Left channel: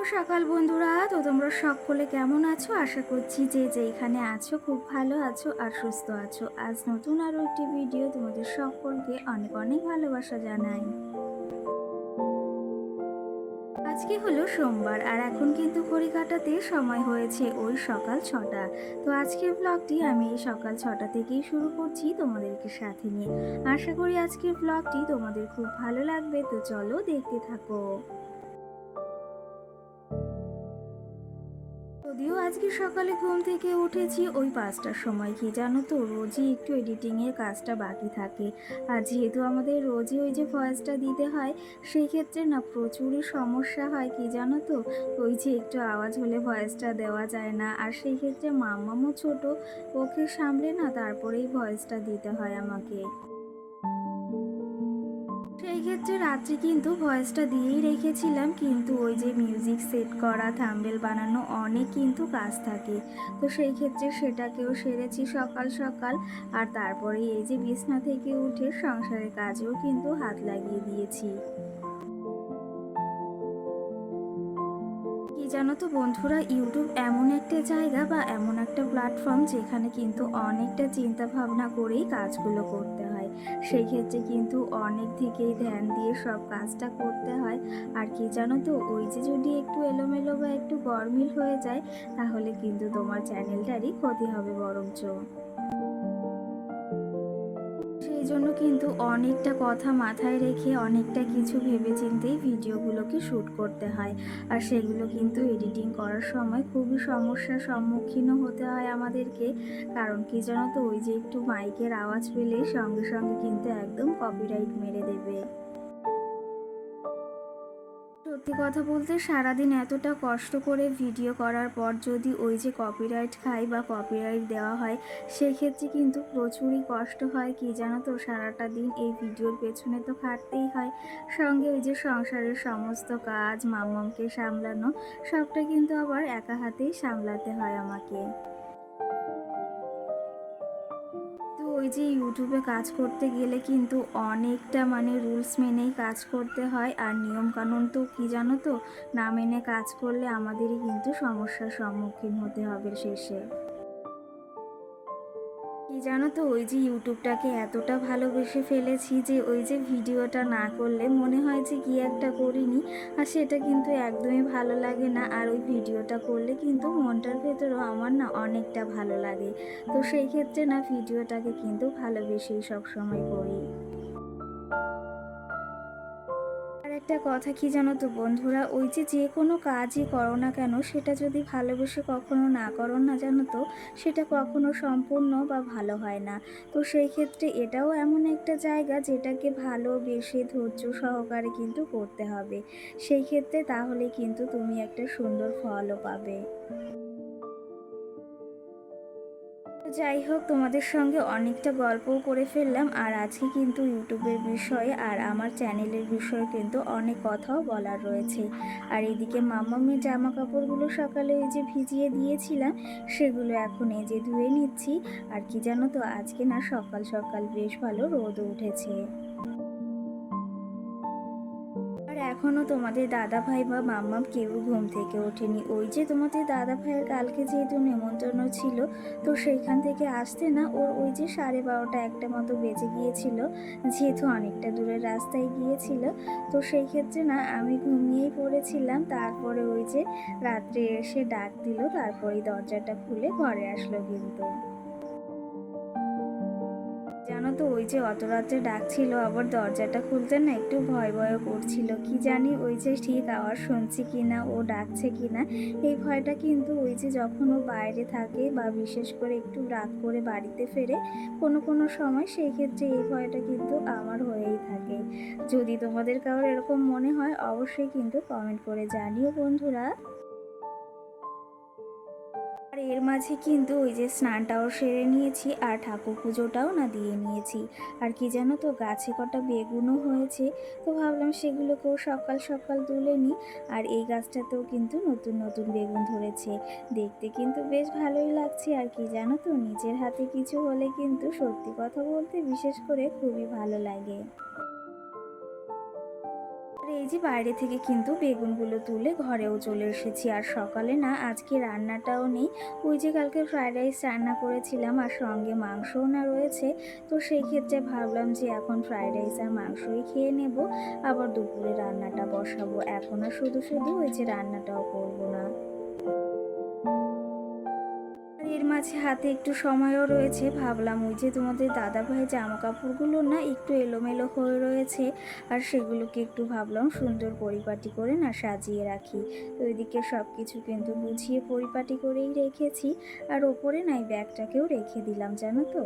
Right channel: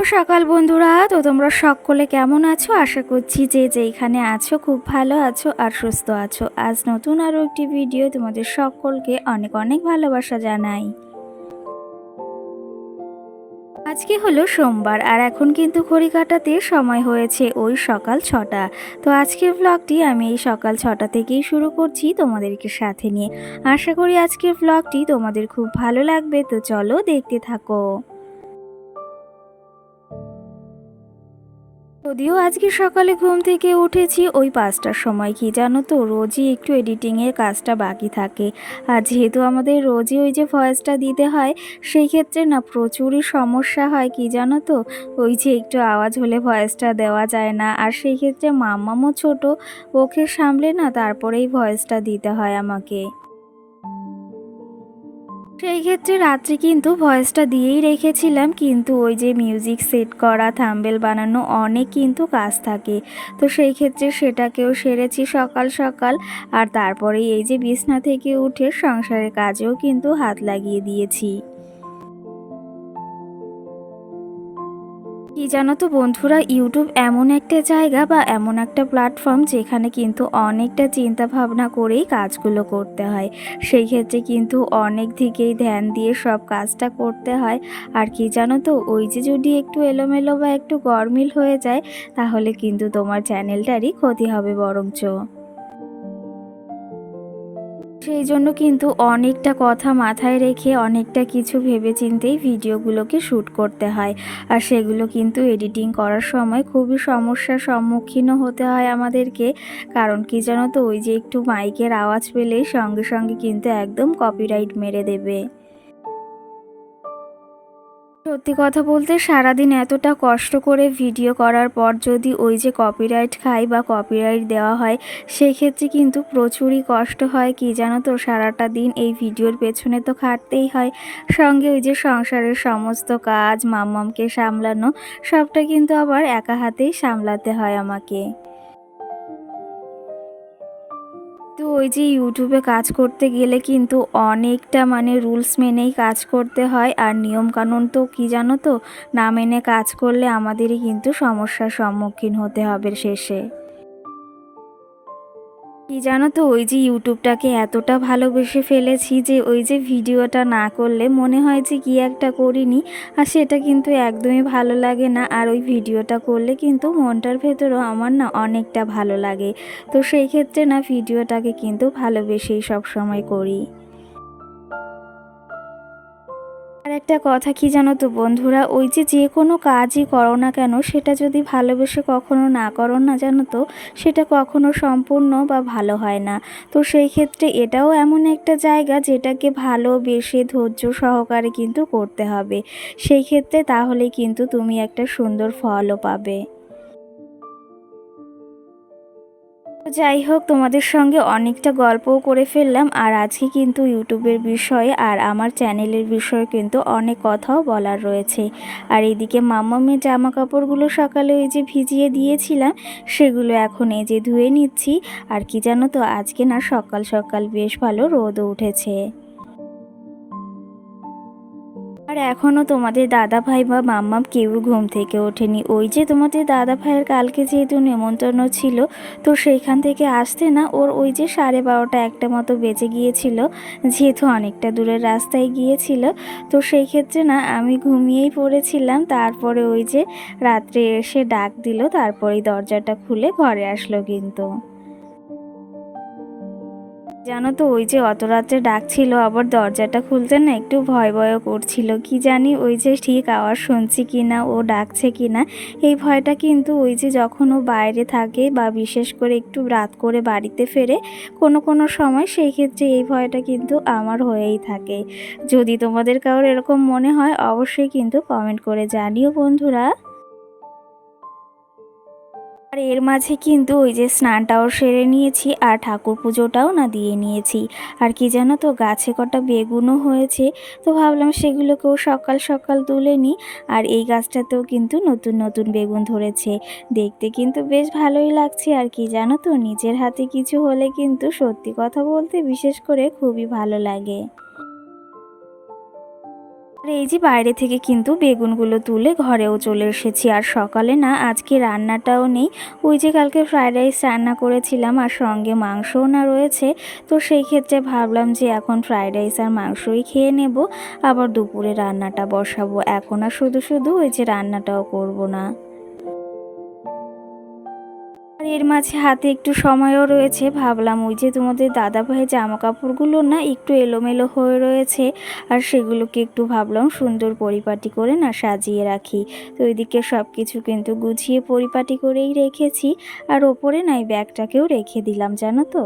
শুভ সকাল বন্ধুরা। তো তোমরা সকলে কেমন আছো? আশা করছি যে যেখানে আছো খুব ভালো আছো আর সুস্থ আছো। আজ নতুন আরও একটি ভিডিও তোমাদের সকলকে অনেক অনেক ভালোবাসা জানাই। আজকে হলো সোমবার আর এখন কিন্তু ঘড়ি কাটাতে সময় হয়েছে ওই সকাল 6টা। তো আজকের ব্লগটি আমি এই সকাল 6টা থেকেই শুরু করছি তোমাদেরকে সাথে নিয়ে। আশা করি আজকের ব্লগটি তোমাদের খুব ভালো লাগবে, তো চলো দেখতে থাকো। যদিও আজকে সকালে ঘুম থেকে উঠেছি ওই 5টার সময়, কি জানো তো রোজই একটু এডিটিংয়ের কাজটা বাকি থাকে। আর যেহেতু আমাদের রোজই ওই যে ভয়েসটা দিতে হয়, সেই ক্ষেত্রে না প্রচুরই সমস্যা হয়, কি জানো তো ওই যে একটু আওয়াজ হলে ভয়েসটা দেওয়া যায় না। আর সেই ক্ষেত্রে মাম্মামও ছোট, ওকে সামলে না তারপরেই ভয়েসটা দিতে হয় আমাকে। সেই ক্ষেত্রে রাত্রে কিন্তু ভয়েসটা দিয়েই রেখেছিলাম, কিন্তু ওই যে মিউজিক সেট করা, থাম্বনেল বানানো অনেক কিন্তু কাজ থাকে। তো সেই ক্ষেত্রে সেটাকেও সেরেছি সকাল সকাল। আর তারপরেই এই যে বিছনা থেকে উঠে সংসারের কাজেও কিন্তু হাত লাগিয়ে দিয়েছি। কি জানো তো বন্ধুরা, ইউটিউব এমন একটা জায়গা বা এমন একটা প্ল্যাটফর্ম যেখানে কিন্তু অনেকটা চিন্তা ভাবনা করেই কাজগুলো করতে হয়। সেই ক্ষেত্রে কিন্তু অনেক দিকেই ধ্যান দিয়ে সব কাজটা করতে হয়। আর কি জানো তো, ওই যে যদি একটু এলোমেলো বা একটু গরমিল হয়ে যায়, তাহলে কিন্তু তোমার চ্যানেলটারই ক্ষতি হবে বরঞ্চ। সেই জন্য কিন্তু অনেকটা কথা মাথায় রেখে অনেকটা কিছু ভেবেচিন্তেই ভিডিওগুলোকে শ্যুট করতে হয়। আর সেগুলো কিন্তু এডিটিং করার সময় খুবই সমস্যার সম্মুখীনও হতে হয় আমাদেরকে। কারণ কি জানো তো, ওই যে একটু মাইকের আওয়াজ পেলেই সঙ্গে সঙ্গে কিন্তু একদম কপিরাইট মেরে দেবে। সত্যি কথা বলতে সারাদিন এতটা কষ্ট করে ভিডিও করার পর যদি ওই যে কপিরাইট খাই বা কপিরাইট দেওয়া হয়, সেই ক্ষেত্রে কিন্তু প্রচুরই কষ্ট হয়। কি জানো তো, সারাটা দিন এই ভিডিওর পেছনে তো খাটতেই হয়, সঙ্গে ওই যে সংসারের সমস্ত কাজ, মাম্মামকে সামলানো, সবটা কিন্তু আবার একা হাতেই সামলাতে হয় আমাকে। তো ওই যে ইউটিউবে কাজ করতে গেলে কিন্তু অনেকটা রুলস মেনেই কাজ করতে হয়। আর নিয়মকানুন তো কি জানো তো, না মেনে কাজ করলে আমাদেরই কিন্তু সমস্যার সম্মুখীন হতে হবে শেষে। কি জানো তো, ওই যে ইউটিউবটাকে এতটা ভালোবেসে ফেলেছি যে ওই যে ভিডিওটা না করলে মনে হয় যে কি একটা করিনি। আর সেটা কিন্তু একদমই ভালো লাগে না। আর ওই ভিডিওটা করলে কিন্তু মনটার ভেতরেও আমার না অনেকটা ভালো লাগে। তো সেই ক্ষেত্রে না ভিডিওটাকে কিন্তু ভালোবেসেই সবসময় করি। আর একটা কথা কি জানো তো বন্ধুরা, ওই যে যে কোনো কাজই করো না কেন, সেটা যদি ভালোবেসে কখনো না করো না জানো তো, সেটা কখনো সম্পূর্ণ বা ভালো হয় না। তো সেই ক্ষেত্রে এটাও এমন একটা জায়গা যেটাকে ভালোবেসে ধৈর্য সহকারে কিন্তু করতে হবে। সেই ক্ষেত্রে তাহলে কিন্তু তুমি একটা সুন্দর ফলও পাবে। যাই হোক, তোমাদের সঙ্গে অনেকটা গল্পও করে ফেললাম। আর আজকে কিন্তু ইউটিউবের বিষয়ে আর আমার চ্যানেলের বিষয়ে কিন্তু অনেক কথাও বলার রয়েছে। আর এদিকে মাম্মামের জামা কাপড়গুলো সকালে ওই যে ভিজিয়ে দিয়েছিলাম, সেগুলো এখন এই যে ধুয়ে নিচ্ছি। আর কি জানো তো, আজকে না সকাল সকাল বেশ ভালো রোদও উঠেছে। আর এখনও তোমাদের দাদা ভাই বা মাম্মাম কেউ ঘুম থেকে ওঠেনি। ওই যে তোমাদের দাদা ভাইয়ের কালকে যেহেতু নেমন্তন্ন ছিল, তো সেইখান থেকে আসতে না ওর ওই যে 12:30 একটা মতো বেজে গিয়েছিল, যেহেতু অনেকটা দূরের রাস্তায় গিয়েছিল। তো সেই ক্ষেত্রে না আমি ঘুমিয়েই পড়েছিলাম। তারপরে ওই যে রাত্রে এসে ডাক দিল, তারপরেই দরজাটা খুলে ঘরে আসলো কিন্তু। জানো তো, ওই যে অত রাত্রে ডাকছিল, আবার দরজাটা খুলতে না একটু ভয় ভয়ও করছিল। কি জানি ওই যে ঠিক আওয়াজ শুনছি কিনা, ও ডাকছে কিনা, এই ভয়টা কিন্তু ওই যে যখন ও বাইরে থাকে বা বিশেষ করে একটু রাত করে বাড়িতে ফেরে কোনো কোনো সময়, সেই ক্ষেত্রে এই ভয়টা কিন্তু আমার হয়েই থাকে। যদি তোমাদের কারোর এরকম মনে হয় অবশ্যই কিন্তু কমেন্ট করে জানিও বন্ধুরা। আর এর মাঝে কিন্তু ওই যে স্নানটাও সেরে নিয়েছি আর ঠাকুর পুজোটাও না দিয়ে নিয়েছি। আর কি জানো তো, গাছে কটা বেগুনও হয়েছে, তো ভাবলাম সেগুলোকেও সকাল সকাল তুলে নিই। আর এই গাছটাতেও কিন্তু নতুন নতুন বেগুন ধরেছে, দেখতে কিন্তু বেশ ভালোই লাগছে। আর কি জানো তো, নিজের হাতে কিছু হলে কিন্তু সত্যি কথা বলতে বিশেষ করে খুবই ভালো লাগে। আর এই যে বাইরে থেকে কিন্তু বেগুনগুলো তুলে ঘরেও চলে এসেছি। আর সকালে না আজকে রান্নাটাও নেই, ওই যে কালকে ফ্রায়েড রাইস রান্না করেছিলাম আর সঙ্গে মাংসও না রয়েছে। তো সেই ক্ষেত্রে ভাবলাম যে এখন ফ্রায়েড রাইস আর মাংসই খেয়ে নেব, আবার দুপুরে রান্নাটা বসাবো। এখন আর শুধু শুধু ওই যে রান্নাটাও করব না। আর এর মাঝে হাতে একটু সময়ও রয়েছে, ভাবলাম ওই যে তোমাদের দাদাভাইয়ের জামা কাপড়গুলো না একটু এলোমেলো হয়ে রয়েছে, আর সেগুলোকে একটু ভাবলাম সুন্দর পরিপাটি করে না সাজিয়ে রাখি। তো ওইদিকে সব কিছু কিন্তু গুছিয়ে পরিপাটি করেই রেখেছি, আর ওপরে না এই ব্যাগটাকেও রেখে দিলাম, জানো তো।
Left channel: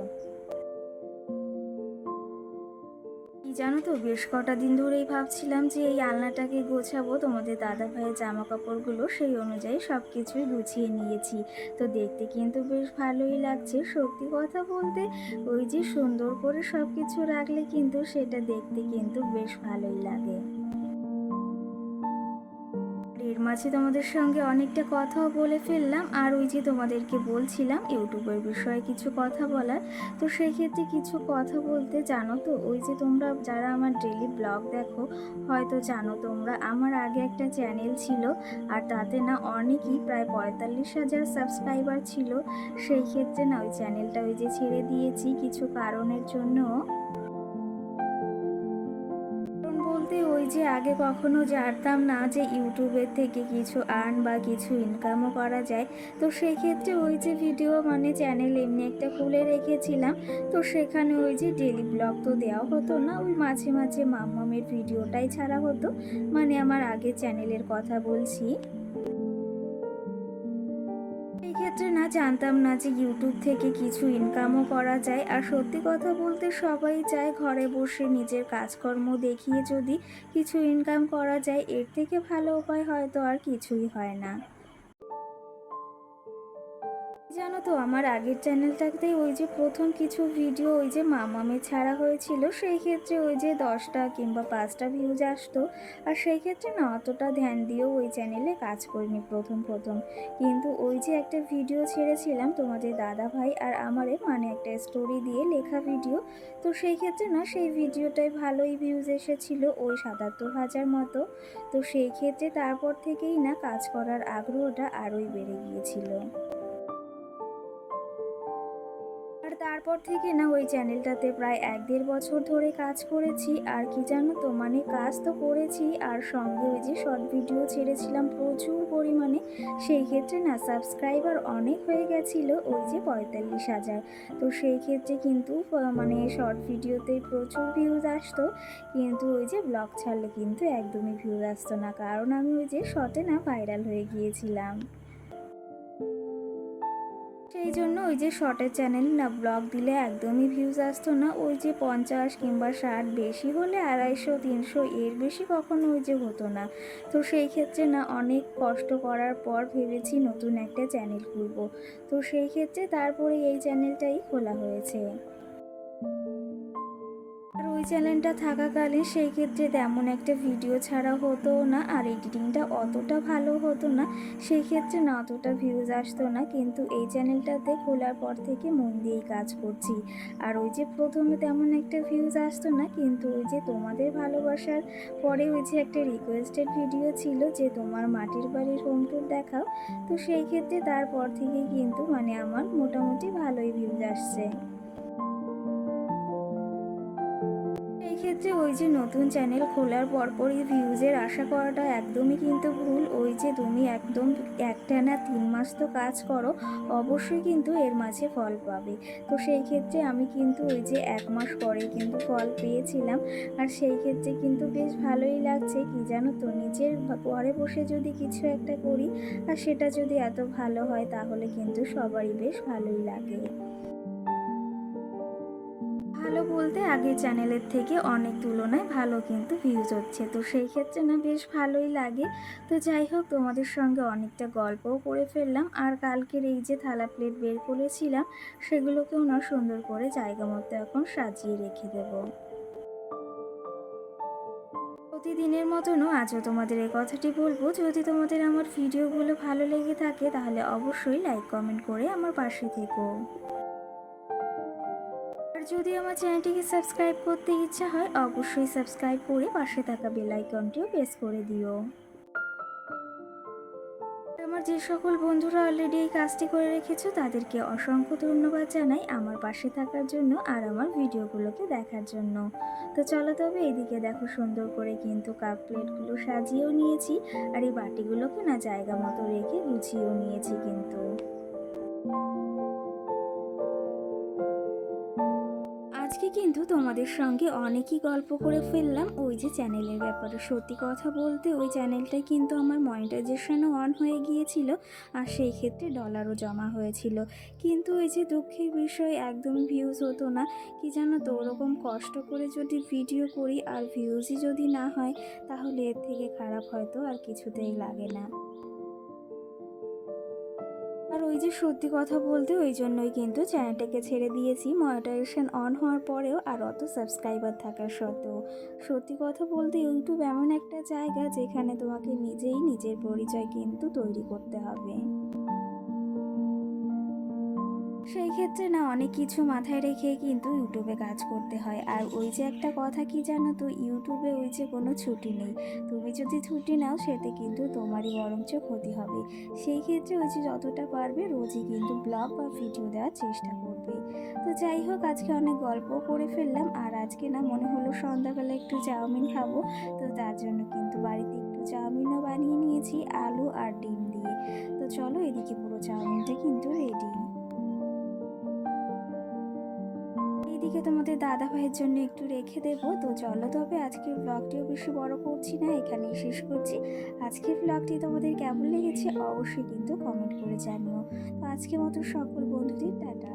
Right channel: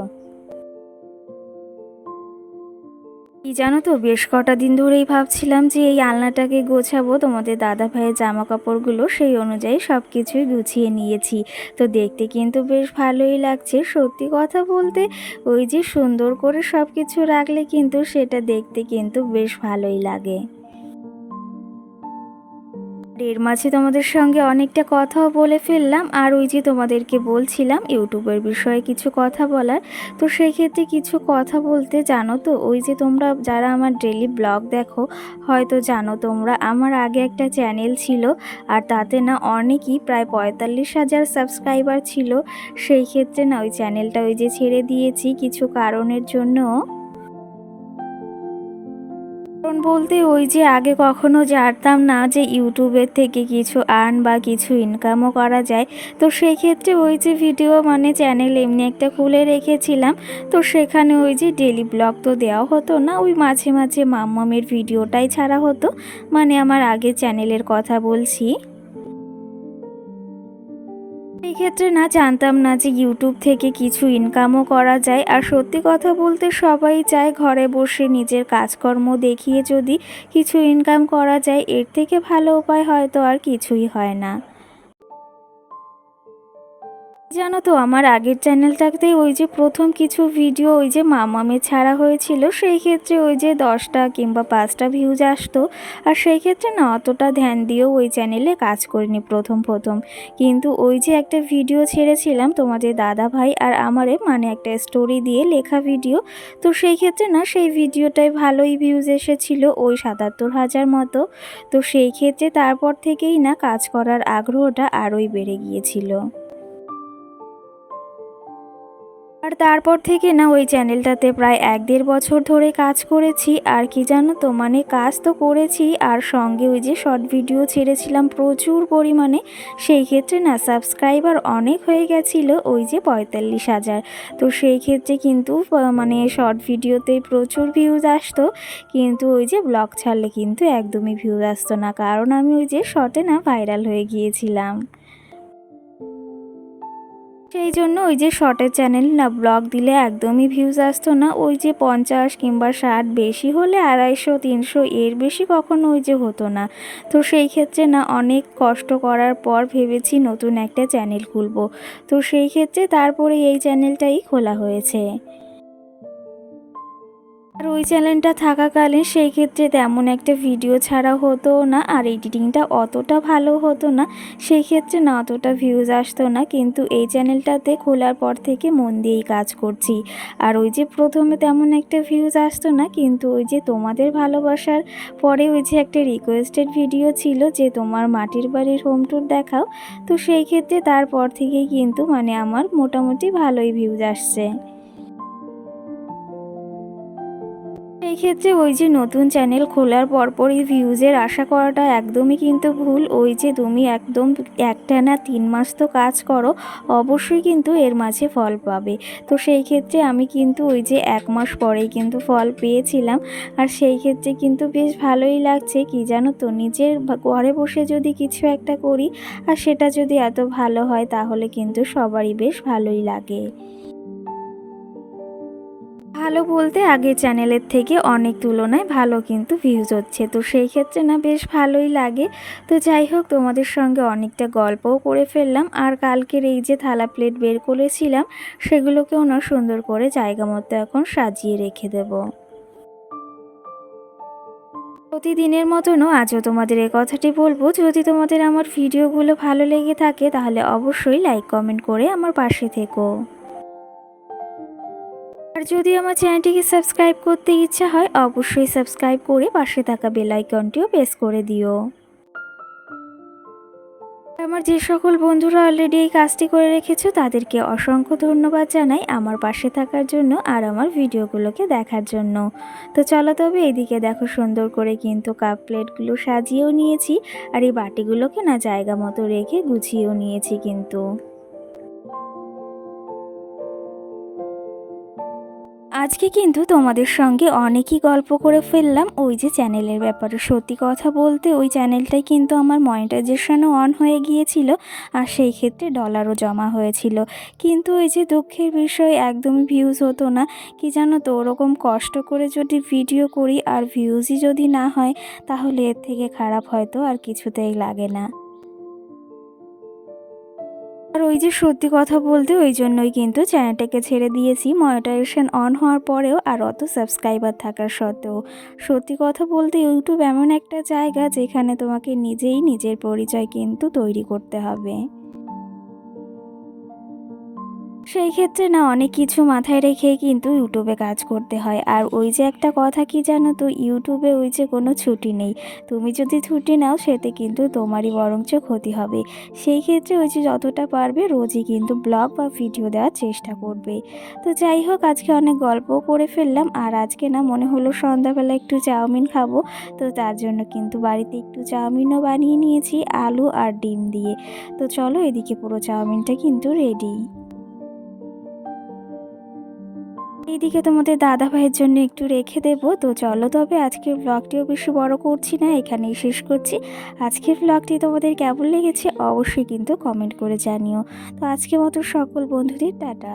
কি জানো তো, বেশ কটা দিন ধরেই ভাবছিলাম যে এই আলনাটাকে গোছাবো, তোমাদের দাদা ভাইয়ের জামা কাপড়গুলো সেই অনুযায়ী সব কিছুই গুছিয়ে নিয়েছি। তো দেখতে কিন্তু বেশ ভালোই লাগছে, সত্যি কথা বলতে ওই যে সুন্দর করে সব কিছু রাখলে কিন্তু সেটা দেখতে কিন্তু বেশ ভালোই লাগে। এর মাঝে তোমাদের সঙ্গে অনেকটা কথাও বলে ফেললাম, আর ওই যে তোমাদেরকে বলছিলাম ইউটিউবের বিষয়ে কিছু কথা বলার। তো সেই ক্ষেত্রে কিছু কথা বলতে, জানো তো ওই যে তোমরা যারা আমার ডেলি ব্লগ দেখো হয়তো জানো, তোমরা আমার আগে একটা চ্যানেল ছিল, আর তাতে না অনেকই প্রায় 45,000 সাবস্ক্রাইবার ছিল। সেই ক্ষেত্রে না ওই চ্যানেলটা ওই যে ছেড়ে দিয়েছি কিছু কারণের জন্য। কারণ বলতে ওই যে আগে কখনো জানতাম না যে ইউটিউবের থেকে কিছু আর্ন বা কিছু ইনকামও করা যায়। তো সেই ক্ষেত্রে ওই যে ভিডিও মানে চ্যানেল এমনি একটা খুলে রেখেছিলাম। তো সেখানে ওই যে ডেলি ব্লগ তো দেওয়া হতো না, ওই মাঝে মাঝে মাম্মামের ভিডিওটাই ছাড়া হতো, মানে আমার আগের চ্যানেলের কথা বলছি। এই ক্ষেত্রে না জানতাম না যে ইউটিউব থেকে কিছু ইনকামও করা যায়। আর সত্যি কথা বলতে সবাই চায় ঘরে বসে নিজের কাজকর্ম দেখিয়ে যদি কিছু ইনকাম করা যায়, এর থেকে ভালো উপায় হয়তো আর কিছুই হয় না। জানো তো আমার আগের চ্যানেলটাতে ওই যে প্রথম কিছু ভিডিও ওই যে মামামে ছাড়া হয়েছিল, সেই ক্ষেত্রে ওই যে 10টা কিংবা 5টা ভিউজ আসতো। আর সেই ক্ষেত্রে না অতটা ধ্যান দিয়েও ওই চ্যানেলে কাজ করিনি প্রথম প্রথম। কিন্তু ওই যে একটা ভিডিও ছেড়েছিলাম তোমাদের দাদা ভাই আর আমারে, মানে একটা স্টোরি দিয়ে লেখা ভিডিও। তো সেই ক্ষেত্রে না সেই ভিডিওটায় ভালোই ভিউজ এসেছিল, ওই 77,000 মতো। তো সেই ক্ষেত্রে তারপর থেকেই না কাজ করার আগ্রহটা আরোই বেড়ে গিয়েছিল। আর তারপর থেকে না ওই চ্যানেলটাতে প্রায় 1-1.5 বছর ধরে কাজ করেছি। আর কি জানো তো, মানে কাজ তো করেছি আর সঙ্গে ওই যে শর্ট ভিডিও ছেড়েছিলাম প্রচুর পরিমাণে। সেই ক্ষেত্রে না সাবস্ক্রাইবার অনেক হয়ে গেছিলো, ওই যে 45,000। তো সেই ক্ষেত্রে কিন্তু মানে শর্ট ভিডিওতে প্রচুর ভিউজ আসতো, কিন্তু ওই যে ব্লগ ছাড়লে কিন্তু একদমই ভিউজ আসতো না, কারণ আমি ওই যে শর্টে না ভাইরাল হয়ে গিয়েছিলাম। সেই জন্য ওই যে শর্টের চ্যানেল না ব্লগ দিলে একদমই ভিউজ আসতো না, ওই যে 50 কিংবা 60, বেশি হলে 250-300, এর বেশি কখনো ওই যে হতো না। তো সেই ক্ষেত্রে না অনেক কষ্ট করার পর ভেবেছি নতুন একটা চ্যানেল খুলবো। তো সেই ক্ষেত্রে তারপরে এই চ্যানেলটাই খোলা হয়েছে। আর ওই চ্যানেলটা থাকাকালীন সেই ক্ষেত্রে তেমন একটা ভিডিও ছাড়া হতো না, আর এডিটিংটা অতটা ভালো হতো না, সেই ক্ষেত্রে না অতটা ভিউজ আসতো না। কিন্তু এই চ্যানেলটাতে খোলার পর থেকে মন দিয়েই কাজ করছি। আর ওই যে প্রথমে তেমন একটা ভিউজ আসতো না, কিন্তু ওই যে তোমাদের ভালোবাসার পরে ওই যে একটা রিকোয়েস্টেড ভিডিও ছিল যে তোমার মাটির বাড়ির হোম ট্যুর দেখাও। তো সেই ক্ষেত্রে তারপর থেকেই কিন্তু মানে আমার মোটামুটি ভালোই ভিউজ আসছে। এই ক্ষেত্রে ওই যে নতুন চ্যানেল খোলার পরপরই ভিউজের আশা করাটা একদমই কিন্তু ভুল। ওই যে তুমি একদম একটানা 3 মাস তো কাজ করো, অবশ্যই কিন্তু এর মাঝে ফল পাবে। তো সেই ক্ষেত্রে আমি কিন্তু ওই যে 1 মাস পরেই কিন্তু ফল পেয়েছিলাম। আর সেই ক্ষেত্রে কিন্তু বেশ ভালোই লাগছে, কি জানো তো, নিজের ঘরে বসে যদি কিছু একটা করি আর সেটা যদি এত ভালো হয় তাহলে কিন্তু সবারই বেশ ভালোই লাগে। ভালো বলতে আগের চ্যানেলের থেকে অনেক তুলনায় ভালো কিন্তু ভিউজ হচ্ছে, তো সেই ক্ষেত্রে না বেশ ভালোই লাগে। তো যাই হোক, তোমাদের সঙ্গে অনেকটা গল্পও করে ফেললাম। আর কালকের এই যে থালা প্লেট বের করেছিলাম সেগুলোকেও না সুন্দর করে জায়গা মতো এখন সাজিয়ে রেখে দেব। প্রতিদিনের মতনও আজও তোমাদের এই কথাটি বলবো, যদি তোমাদের আমার ভিডিওগুলো ভালো লেগে থাকে তাহলে অবশ্যই লাইক কমেন্ট করে আমার পাশে থেকো। আর যদি আমার চ্যানেলটিকে সাবস্ক্রাইব করতে ইচ্ছা হয় অবশ্যই সাবস্ক্রাইব করে পাশে থাকা বেল আইকনটিও প্রেস করে দিও। আমার যে সকল বন্ধুরা অলরেডি এই কাজটি করে রেখেছো তাদেরকে অসংখ্য ধন্যবাদ জানাই আমার পাশে থাকার জন্য আর আমার ভিডিওগুলোকে দেখার জন্য। তো চলো তবে এদিকে দেখো সুন্দর করে কিন্তু কাপ প্লেটগুলো সাজিয়েও নিয়েছি আর এই বাটিগুলোকে না জায়গা মতো রেখে গুছিয়েও নিয়েছি কিন্তু। আজকে কিন্তু তোমাদের সঙ্গে অনেকই গল্প করে ফেললাম ওই যে চ্যানেলের ব্যাপারে। সত্যি কথা বলতে ওই চ্যানেলটাই কিন্তু আমার মনিটাইজেশনও অন হয়ে গিয়েছিল আর সেই ক্ষেত্রে ডলারও জমা হয়েছিল, কিন্তু ওই যে দুঃখের বিষয় একদমই ভিউজ হতো না। কি জানো তো, ওরকম কষ্ট করে যদি ভিডিও করি আর ভিউজই যদি না হয় তাহলে এর থেকে খারাপ হয়তো আর কিছুতেই লাগে না। আর ওই যে সত্যি কথা বলতে ওই জন্যই কিন্তু চ্যানেলটাকে ছেড়ে দিয়েছি মনিটাইজেশন অন হওয়ার পরেও আর অত সাবস্ক্রাইবার থাকার সত্ত্বেও। সত্যি কথা বলতে ইউটিউব এমন একটা জায়গা যেখানে তোমাকে নিজেই নিজের পরিচয় কিন্তু তৈরি করতে হবে। সেই ক্ষেত্রে না অনেক কিছু মাথায় রেখে কিন্তু ইউটিউবে কাজ করতে হয়। আর ওই যে একটা কথা কি জানো তো, ইউটিউবে ওই যে কোনো ছুটি নেই। তুমি যদি ছুটি নাও সেতে কিন্তু তোমারই বরঞ্চ ক্ষতি হবে। সেই ক্ষেত্রে ওই যে যতটা পারবে রোজই কিন্তু ব্লগ বা ভিডিও দেওয়ার চেষ্টা করবে। তো যাই হোক, আজকে অনেক গল্পও করে ফেললাম আর আজকে না মনে হলো সন্ধ্যাবেলা একটু চাউমিন খাবো। তো তার জন্য কিন্তু বাড়িতে একটু চাউমিনও বানিয়ে নিয়েছি আলু আর ডিম দিয়ে। তো চলো এদিকে পুরো চাউমিনটা কিন্তু রেডি। এইদিকে তোমাদের দাদা ভাইয়ের জন্য একটু রেখে দেবো। তো চলো তবে আজকের ব্লগটিও বেশি বড় করছি না, এখানেই শেষ করছি। আজকের ব্লগটি তোমাদের কেমন লেগেছে অবশ্যই কিন্তু কমেন্ট করে জানিও। তো আজকের মতো সকল বন্ধুদের টাটা।